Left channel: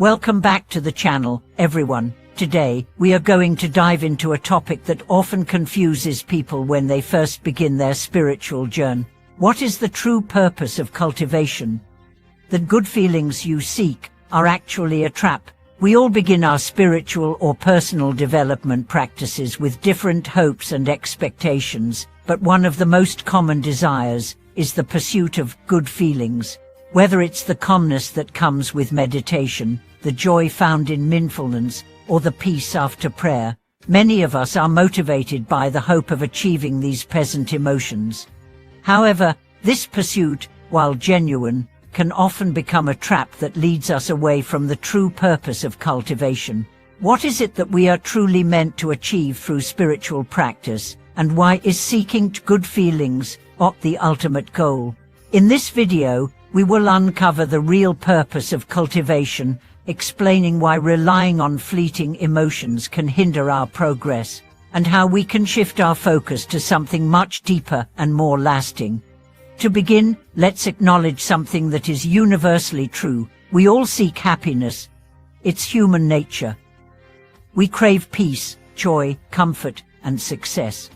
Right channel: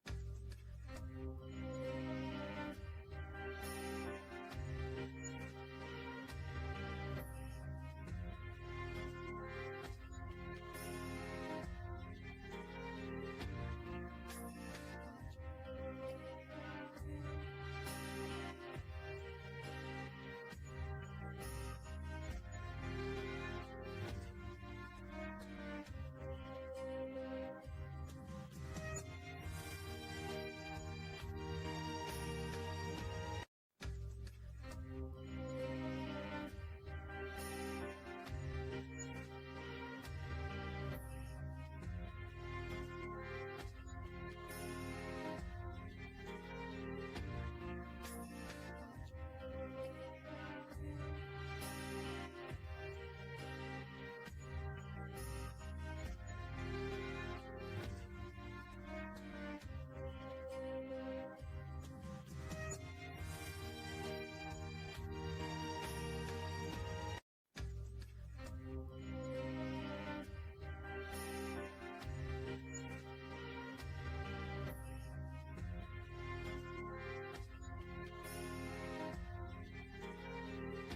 Welcome back to the channel, everyone. Today, we are going to dive into a topic that often confuses people when they first begin their spiritual journey. What is the true purpose of cultivation? The good feelings you seek are actually a trap. We all begin our spiritual or personal development practices with different hopes and expectations, but one of the most common desires is the pursuit of good feelings. Whether it's the calmness that comes with meditation, the joy found in mindfulness, or the peace after prayer, many of us are motivated by the hope of achieving these pleasant emotions. However, this pursuit, while genuine, can often become a trap that leads us away from the true purpose of cultivation. What is it that we are truly meant to achieve through spiritual practice, and why is seeking good feelings the ultimate goal? In this video, we will uncover the real purpose of cultivation, explaining why relying on fleeting emotions can hinder our progress, and how we can shift our focus to something much deeper and more lasting. To begin, let's acknowledge something that is universally true. We all seek happiness. It's human nature. We crave peace, joy, comfort, and success.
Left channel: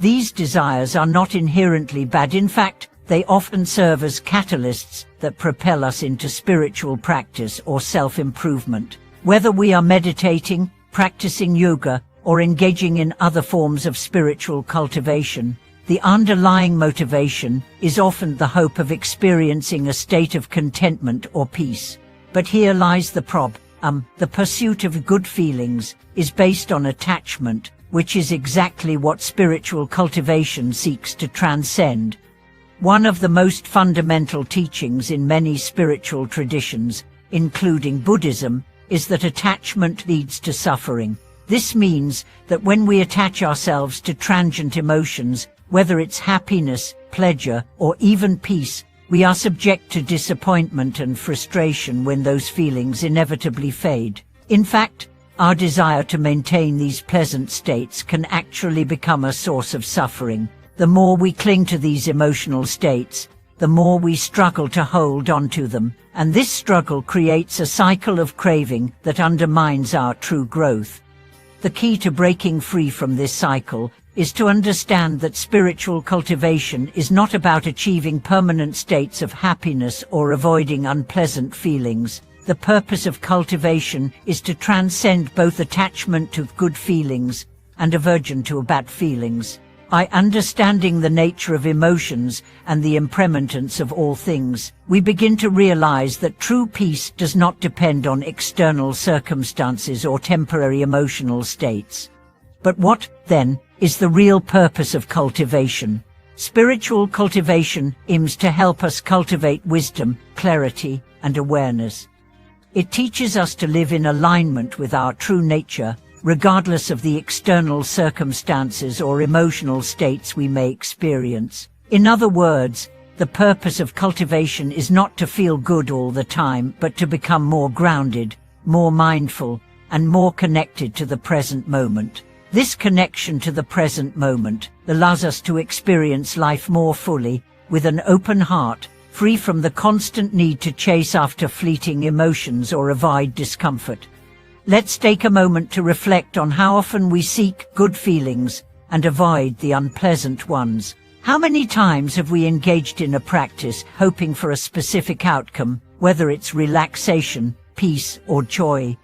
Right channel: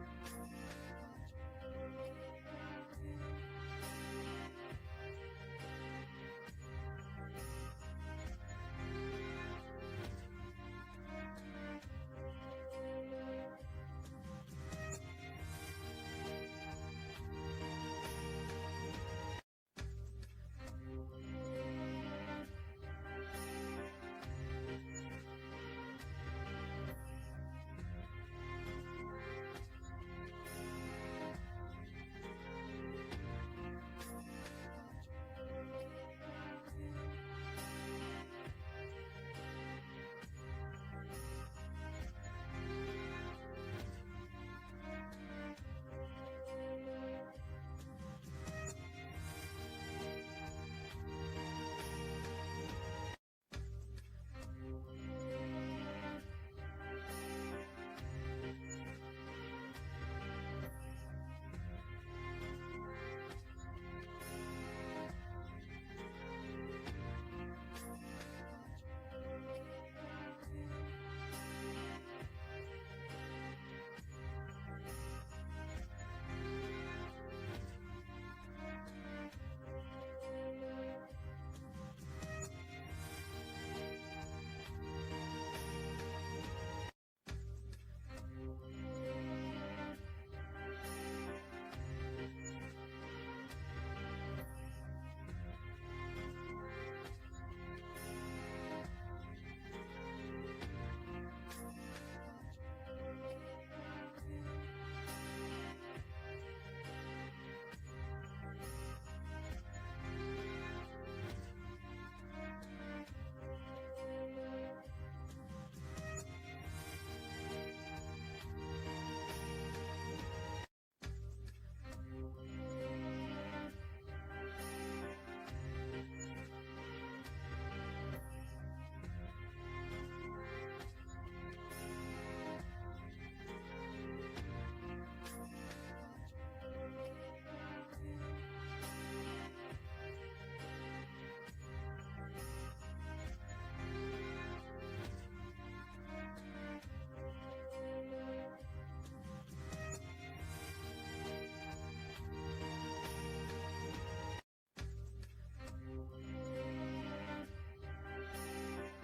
These desires are not inherently bad. In fact, they often serve as catalysts that propel us into spiritual practice or self-improvement. Whether we are meditating, practicing yoga, or engaging in other forms of spiritual cultivation, the underlying motivation is often the hope of experiencing a state of contentment or peace. But here lies the problem. The pursuit of good feelings is based on attachment, which is exactly what spiritual cultivation seeks to transcend. One of the most fundamental teachings in many spiritual traditions, including Buddhism, is that attachment leads to suffering. This means that when we attach ourselves to transient emotions, whether it's happiness, pleasure, or even peace, we are subject to disappointment and frustration when those feelings inevitably fade. In fact, our desire to maintain these pleasant states can actually become a source of suffering. The more we cling to these emotional states, the more we struggle to hold on to them, and this struggle creates a cycle of craving that undermines our true growth. The key to breaking free from this cycle is to understand that spiritual cultivation is not about achieving permanent states of happiness or avoiding unpleasant feelings. The purpose of cultivation is to transcend both attachment to good feelings and aversion to bad feelings. By understanding the nature of emotions and the impermanence of all things, we begin to realize that true peace does not depend on external circumstances or temporary emotional states. But what, then, is the real purpose of cultivation? Spiritual cultivation aims to help us cultivate wisdom, clarity, and awareness. It teaches us to live in alignment with our true nature, regardless of the external circumstances or emotional states we may experience. In other words, the purpose of cultivation is not to feel good all the time, but to become more grounded, more mindful, and more connected to the present moment. This connection to the present moment allows us to experience life more fully, with an open heart, free from the constant need to chase after fleeting emotions or avoid discomfort. Let's take a moment to reflect on how often we seek good feelings and avoid the unpleasant ones. How many times have we engaged in a practice hoping for a specific outcome, whether it's relaxation, peace, or joy?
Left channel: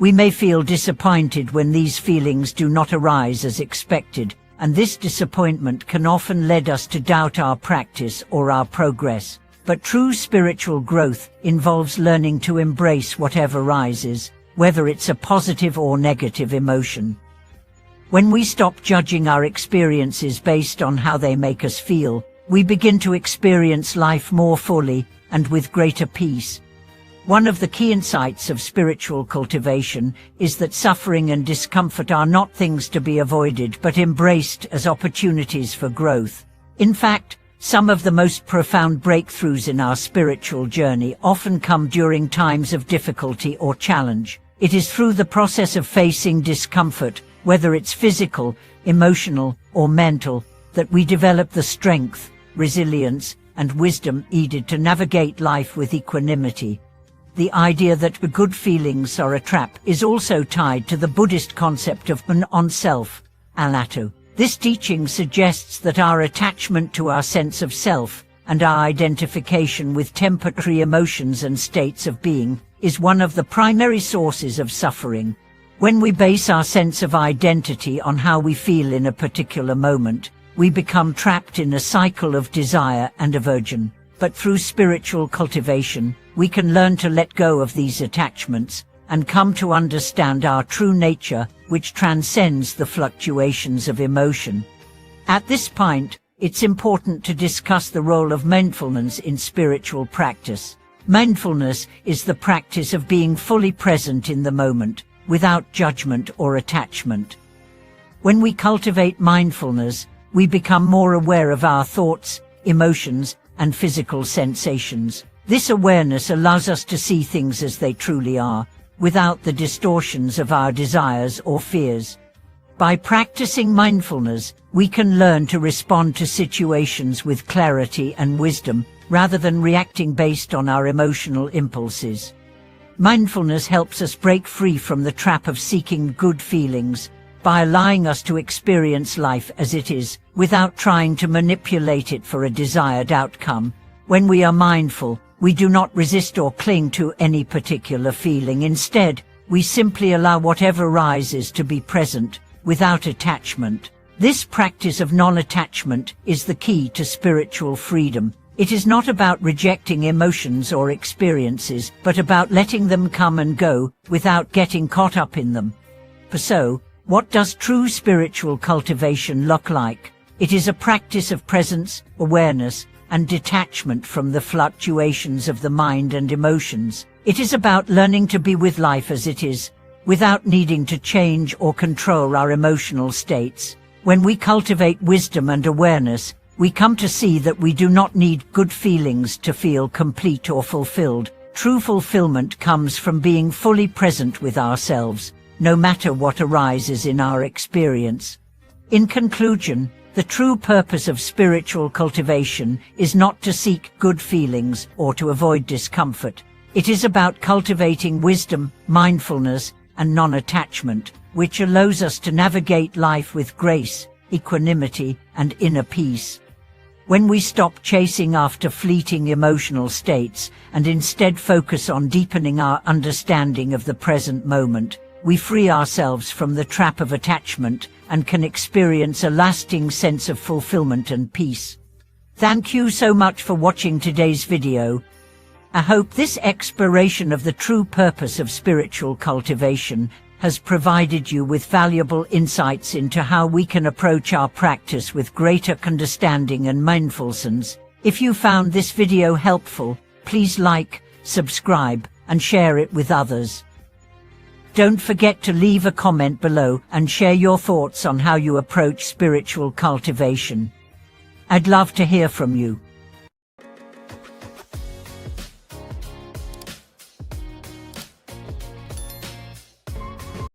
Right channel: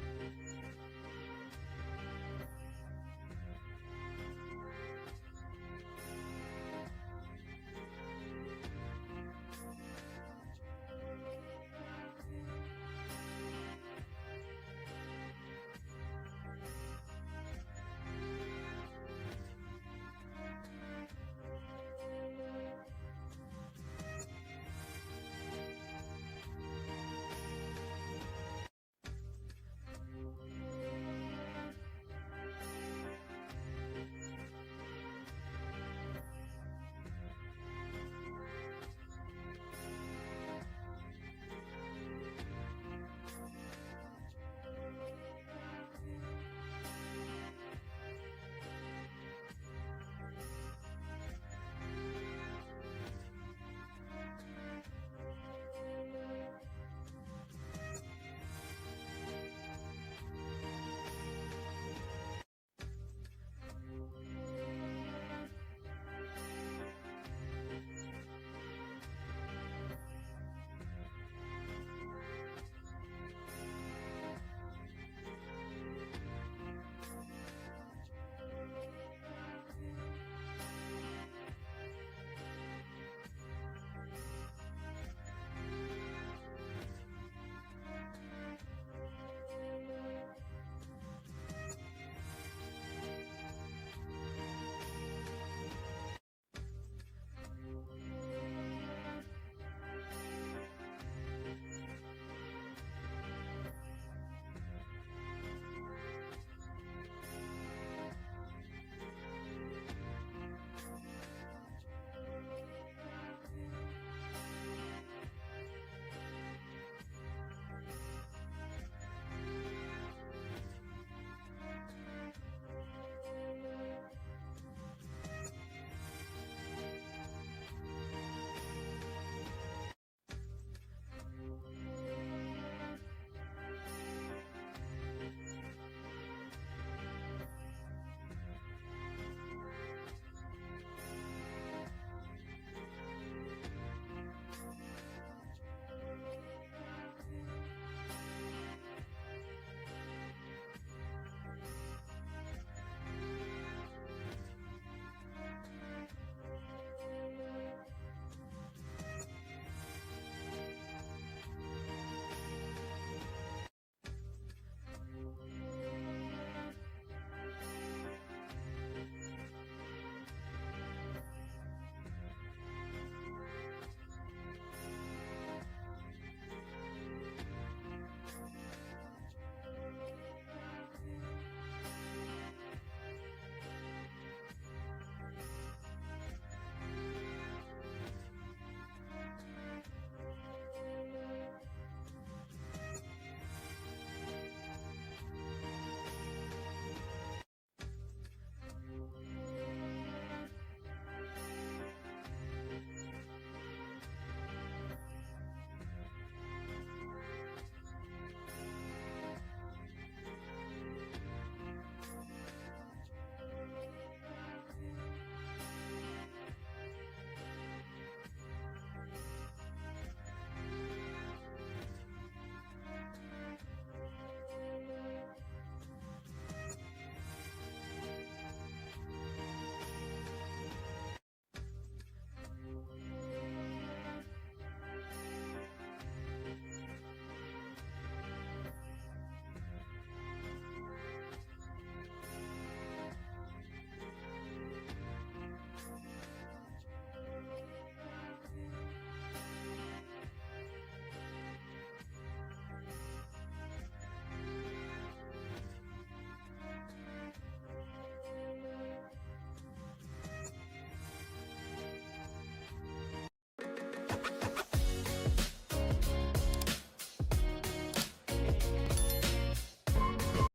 We may feel disappointed when these feelings do not arise as expected, and this disappointment can often lead us to doubt our practice or our progress. But true spiritual growth involves learning to embrace whatever rises, whether it's a positive or negative emotion. When we stop judging our experiences based on how they make us feel, we begin to experience life more fully and with greater peace. One of the key insights of spiritual cultivation is that suffering and discomfort are not things to be avoided but embraced as opportunities for growth. In fact, some of the most profound breakthroughs in our spiritual journey often come during times of difficulty or challenge. It is through the process of facing discomfort, whether it's physical, emotional, or mental, that we develop the strength, resilience, and wisdom needed to navigate life with equanimity. the idea that good feelings are a trap is also tied to the Buddhist concept of non-self, anatta. This teaching suggests that our attachment to our sense of self and our identification with temporary emotions and states of being is one of the primary sources of suffering. When we base our sense of identity on how we feel in a particular moment, we become trapped in a cycle of desire and aversion. But through spiritual cultivation, we can learn to let go of these attachments and come to understand our true nature, which transcends the fluctuations of emotion. At this point, it's important to discuss the role of mindfulness in spiritual practice. Mindfulness is the practice of being fully present in the moment, without judgment or attachment. When we cultivate mindfulness, we become more aware of our thoughts, emotions, and physical sensations. This awareness allows us to see things as they truly are, without the distortions of our desires or fears. By practicing mindfulness, we can learn to respond to situations with clarity and wisdom, rather than reacting based on our emotional impulses. Mindfulness helps us break free from the trap of seeking good feelings, by allowing us to experience life as it is, without trying to manipulate it for a desired outcome. When we are mindful, we do not resist or cling to any particular feeling. Instead, we simply allow whatever arises to be present, without attachment. This practice of non-attachment is the key to spiritual freedom. It is not about rejecting emotions or experiences, but about letting them come and go, without getting caught up in them. So, what does true spiritual cultivation look like? It is a practice of presence, awareness, and detachment from the fluctuations of the mind and emotions. It is about learning to be with life as it is, without needing to change or control our emotional states. When we cultivate wisdom and awareness, we come to see that we do not need good feelings to feel complete or fulfilled. True fulfillment comes from being fully present with ourselves, no matter what arises in our experience. In conclusion, the true purpose of spiritual cultivation is not to seek good feelings or to avoid discomfort. It is about cultivating wisdom, mindfulness, and non-attachment, which allows us to navigate life with grace, equanimity, and inner peace. When we stop chasing after fleeting emotional states and instead focus on deepening our understanding of the present moment, we free ourselves from the trap of attachment and can experience a lasting sense of fulfillment and peace. Thank you so much for watching today's video. I hope this exploration of the true purpose of spiritual cultivation has provided you with valuable insights into how we can approach our practice with greater understanding and mindfulness. If you found this video helpful, please like, subscribe, and share it with others. Don't forget to leave a comment below and share your thoughts on how you approach spiritual cultivation. I'd love to hear from you.